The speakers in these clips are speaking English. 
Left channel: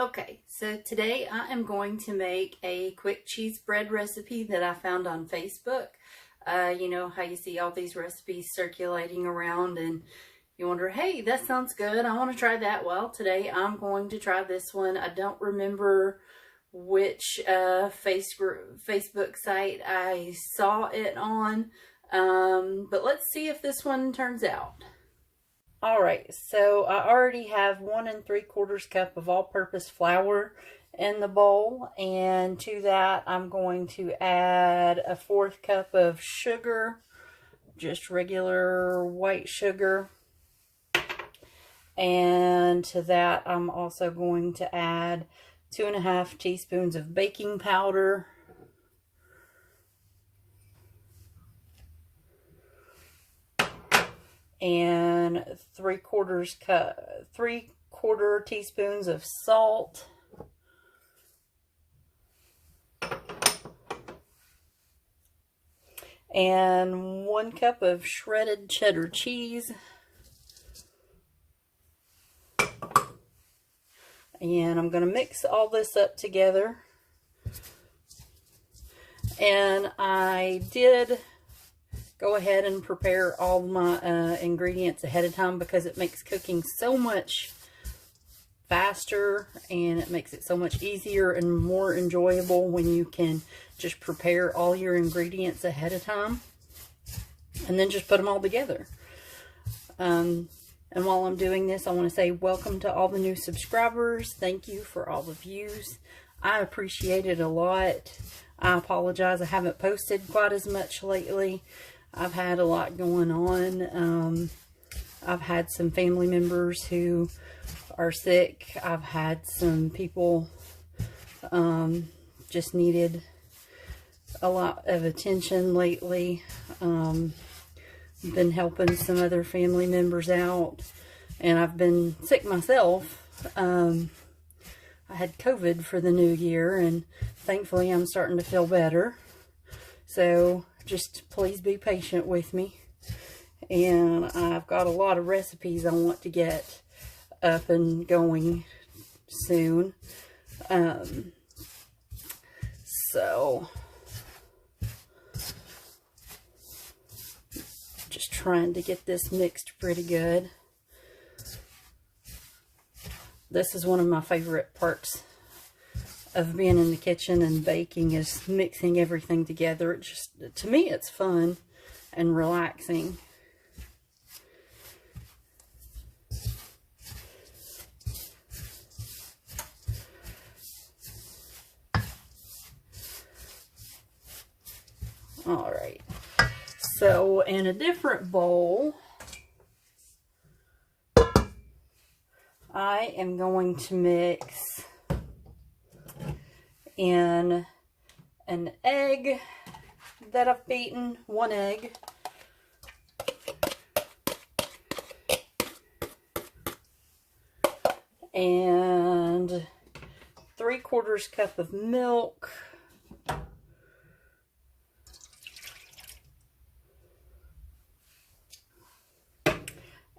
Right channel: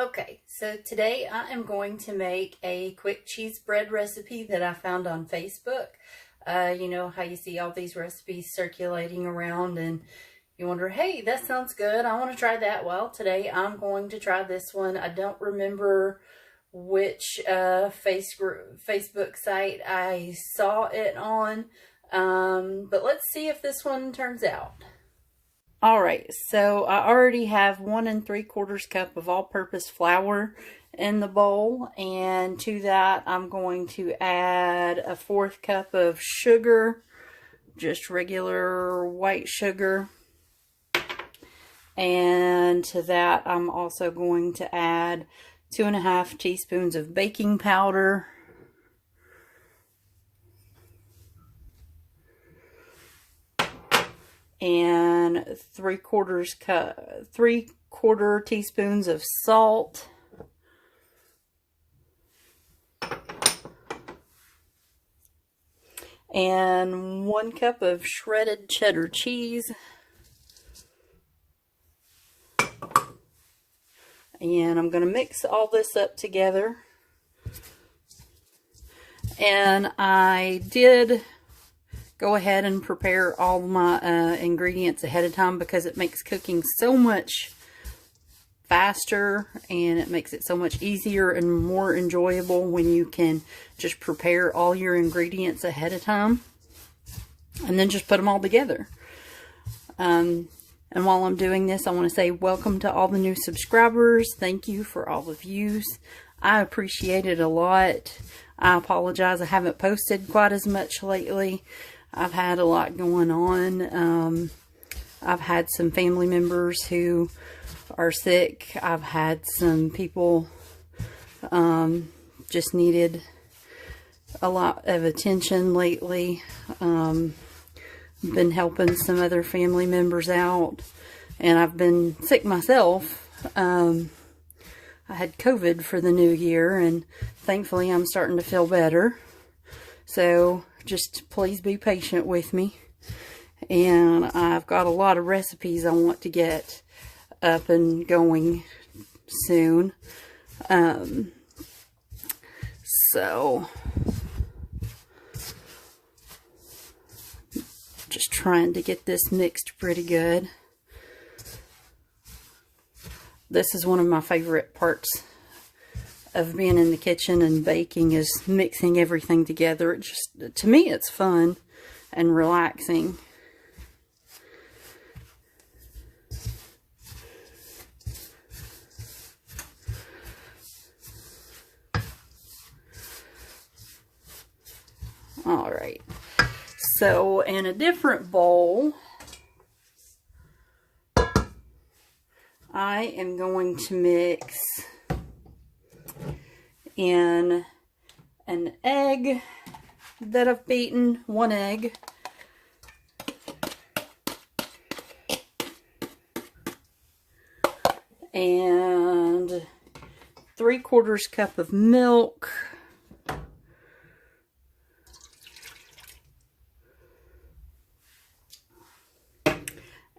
Okay, so today I am going to make a quick cheese bread recipe that I found on Facebook. You know how you see all these recipes circulating around and you wonder, hey, that sounds good. I want to try that. Well, today I'm going to try this one. I don't remember which Facebook site I saw it on, but let's see if this one turns out. All right, so I already have 1 3/4 cup of all-purpose flour in the bowl, and to that I'm going to add a 1/4 cup of sugar, just regular white sugar, and to that I'm also going to add 2 1/2 teaspoons of baking powder, and 3/4 teaspoons of salt, and 1 cup of shredded cheddar cheese, and I'm going to mix all this up together. And I did go ahead and prepare all my ingredients ahead of time because it makes cooking so much faster and it makes it so much easier and more enjoyable when you can just prepare all your ingredients ahead of time and then just put them all together. And while I'm doing this, I want to say welcome to all the new subscribers. Thank you for all the views. I appreciate it a lot. I apologize I haven't posted quite as much lately. I've had a lot going on. I've had some family members who are sick. I've had some people just needed a lot of attention lately. Been helping some other family members out, and I've been sick myself. I had COVID for the new year, and thankfully I'm starting to feel better. So just please be patient with me. And I've got a lot of recipes I want to get up and going soon. So just trying to get this mixed pretty good. This is one of my favorite parts of being in the kitchen and baking, is mixing everything together. It just, to me, it's fun and relaxing. All right, so in a different bowl, I am going to mix in an egg that I've beaten, 1 egg, and 3/4 cup of milk,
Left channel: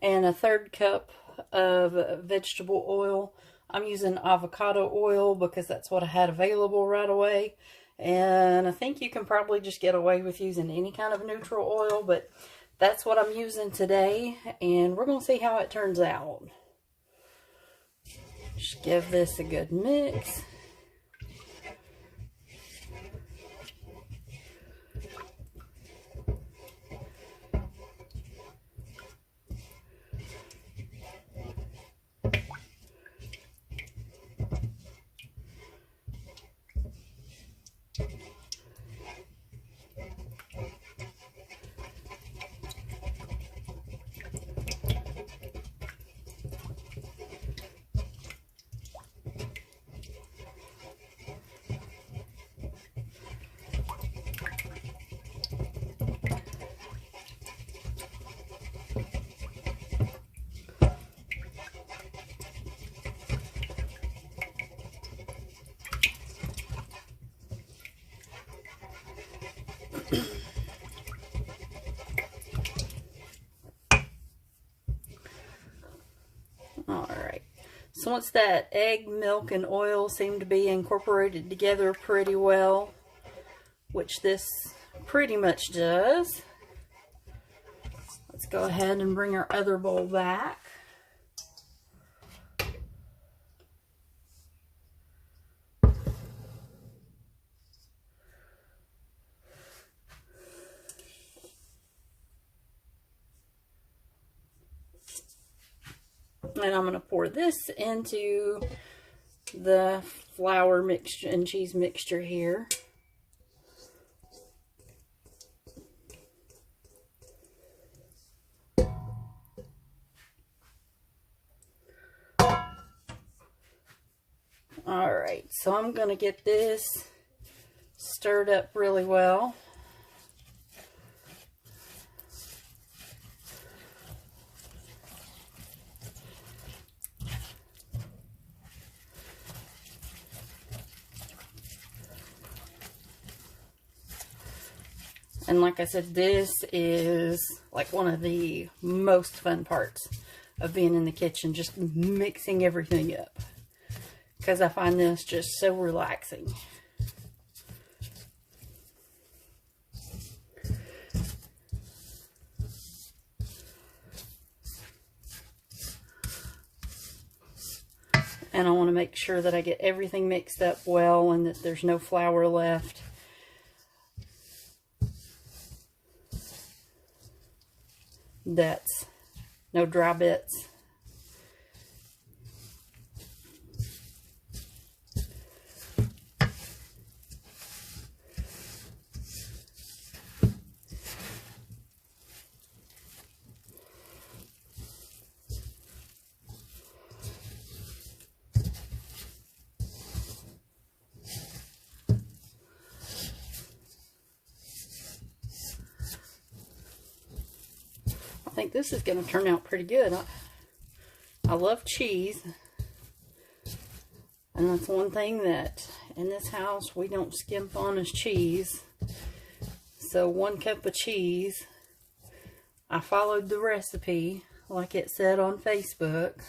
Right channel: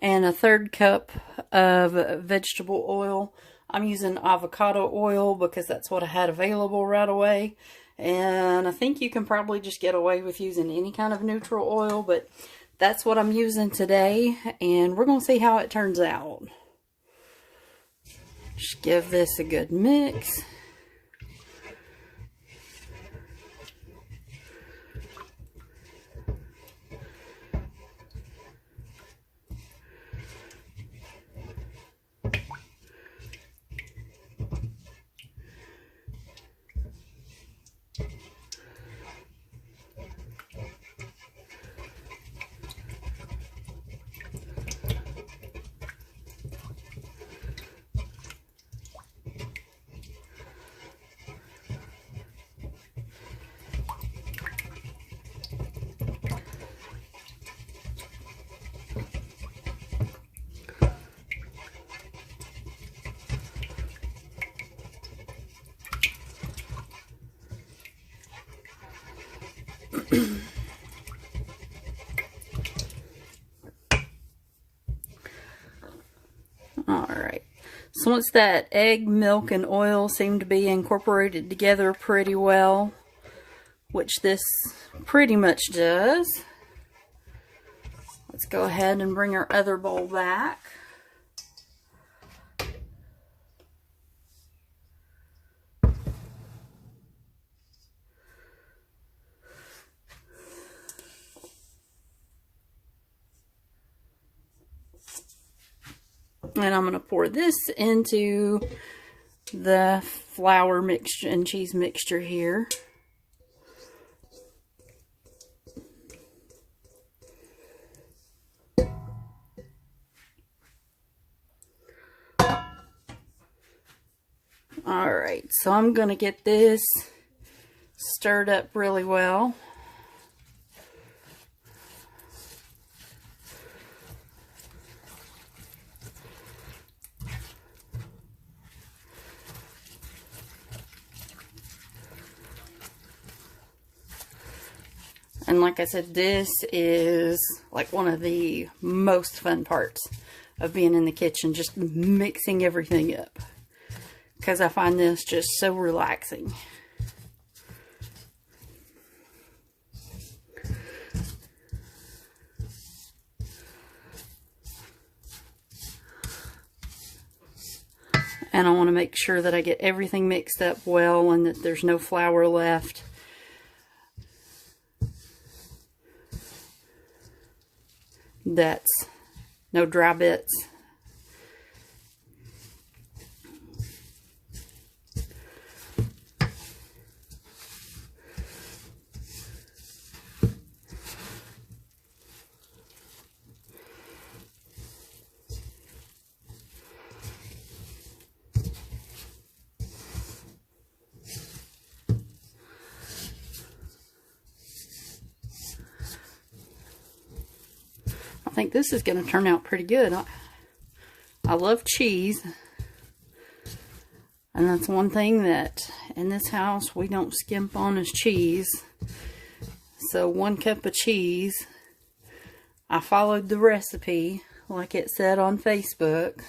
and a 1/3 cup of vegetable oil. I'm using avocado oil because that's what I had available right away. And I think you can probably just get away with using any kind of neutral oil, but that's what I'm using today. And we're going to see how it turns out. Just give this a good mix. So once that egg, milk, and oil seem to be incorporated together pretty well, which this pretty much does, let's go ahead and bring our other bowl back. And I'm going to pour this into the flour mixture and cheese mixture here. Alright, so I'm going to get this stirred up really well. And like I said, this is like one of the most fun parts of being in the kitchen, just mixing everything up. Because I find this just so relaxing. And I want to make sure that I get everything mixed up well and that there's no flour left. That's no dry bits. I think this is going to turn out pretty good. I love cheese, and that's one thing that in this house we don't skimp on is cheese. So 1 cup of cheese. I followed the recipe like it said on Facebook.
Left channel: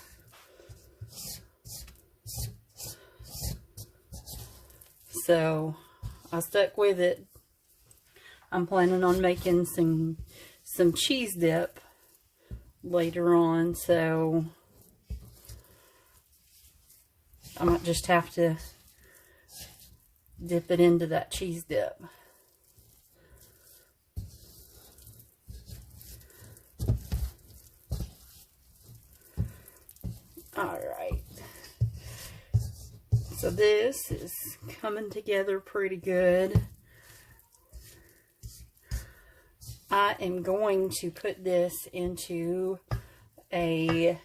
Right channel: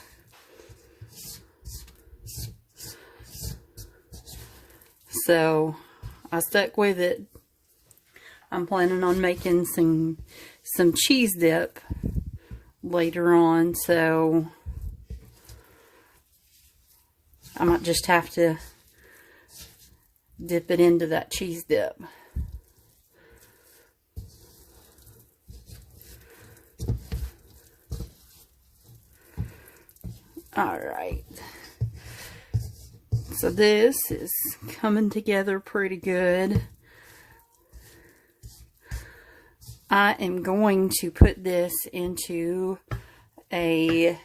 So I stuck with it. I'm planning on making some cheese dip later on, so I might just have to dip it into that cheese dip. Alright, so this is coming together pretty good. I am going to put this into a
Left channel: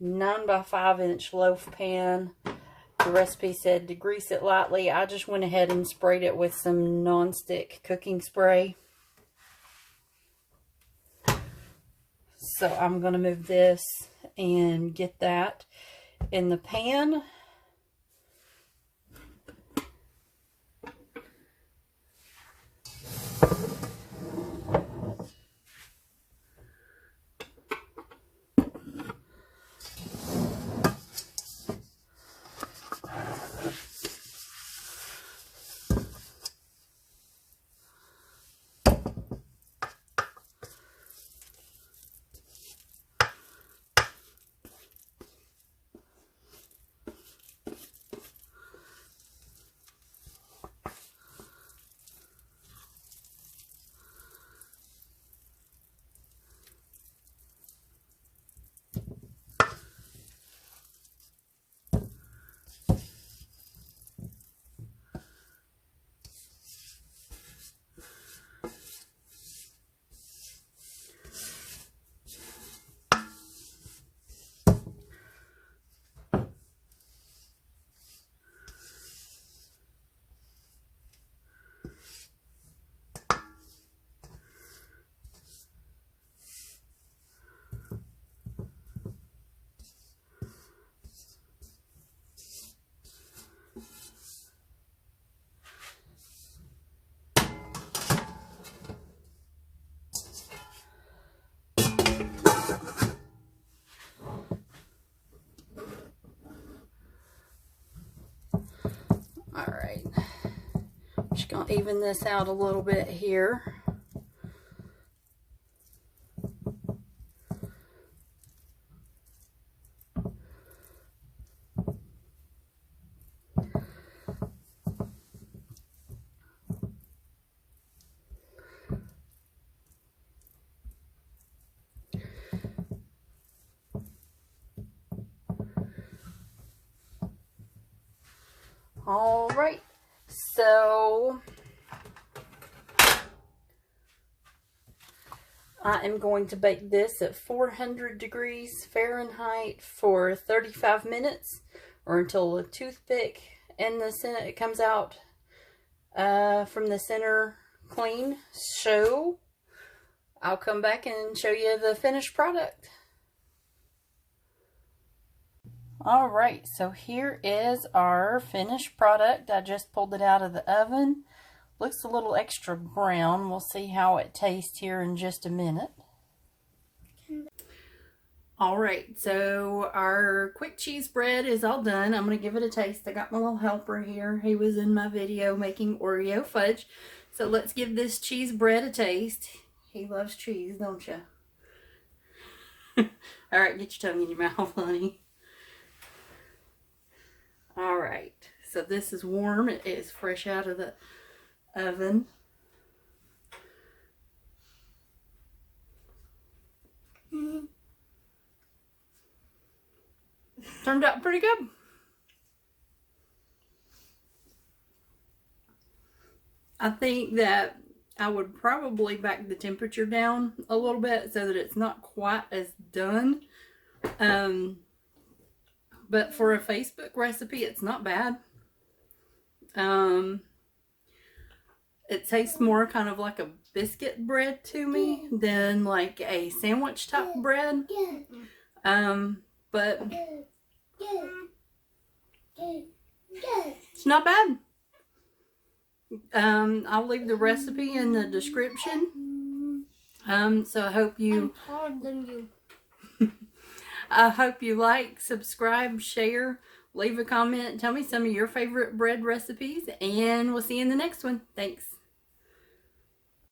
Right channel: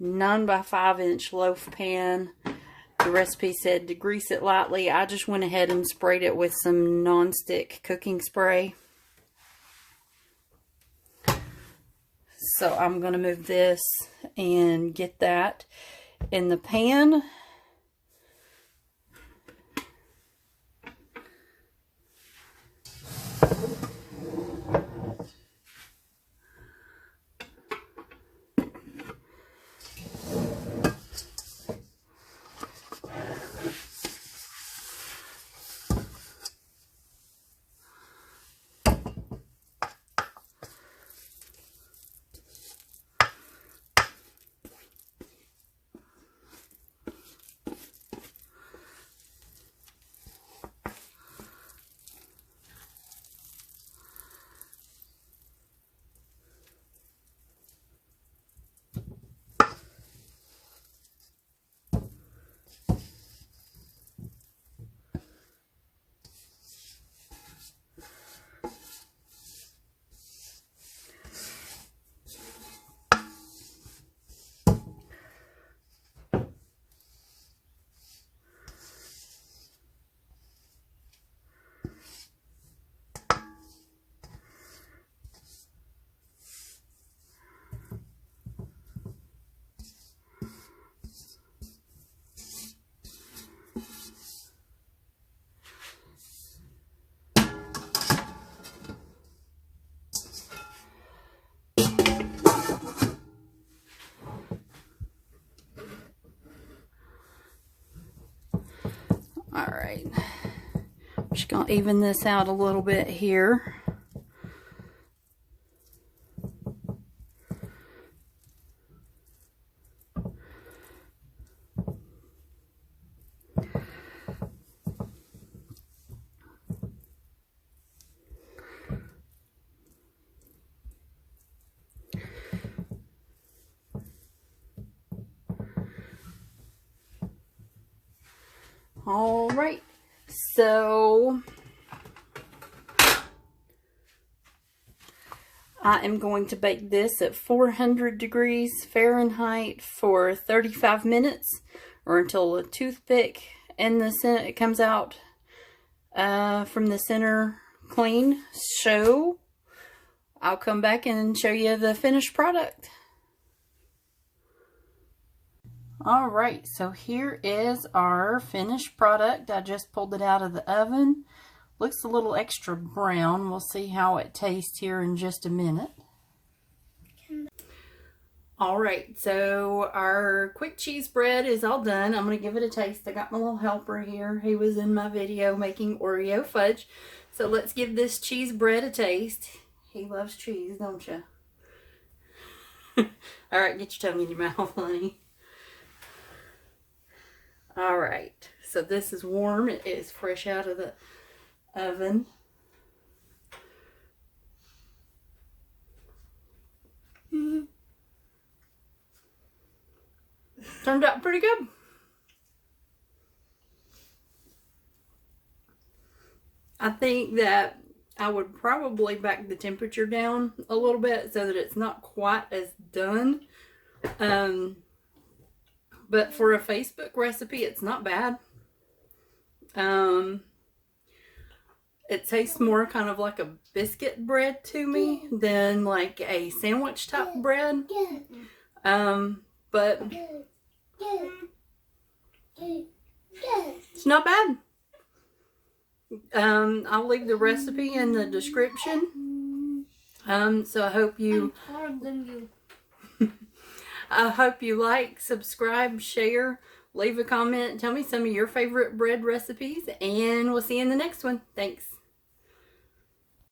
9x5 inch loaf pan. The recipe said to grease it lightly. I just went ahead and sprayed it with some non-stick cooking spray. So I'm going to move this and get that in the pan. right. I'm just going to even this out a little bit here. All right, so I am going to bake this at 400 degrees Fahrenheit for 35 minutes, or until the toothpick in the center, it comes out from the center clean. So I'll come back and show you the finished product. All right, so here is our finished product. I just pulled it out of the oven. Looks a little extra brown. We'll see how it tastes here in just a minute. All right, so our quick cheese bread is all done. I'm going to give it a taste. I got my little helper here. He was in my video making Oreo fudge. So let's give this cheese bread a taste. He loves cheese, don't you? All right, get your tongue in your mouth, honey. All right, so this is warm. It is fresh out of the oven. Turned out pretty good. I think that I would probably back the temperature down a little bit so that it's not quite as done. But for a Facebook recipe, it's not bad. It tastes more kind of like a biscuit bread to me than like a sandwich type bread. But it's not bad. I'll leave the recipe in the description. So I hope you I hope you like, subscribe, share, leave a comment, tell me some of your favorite bread recipes, and we'll see you in the next one. Thanks.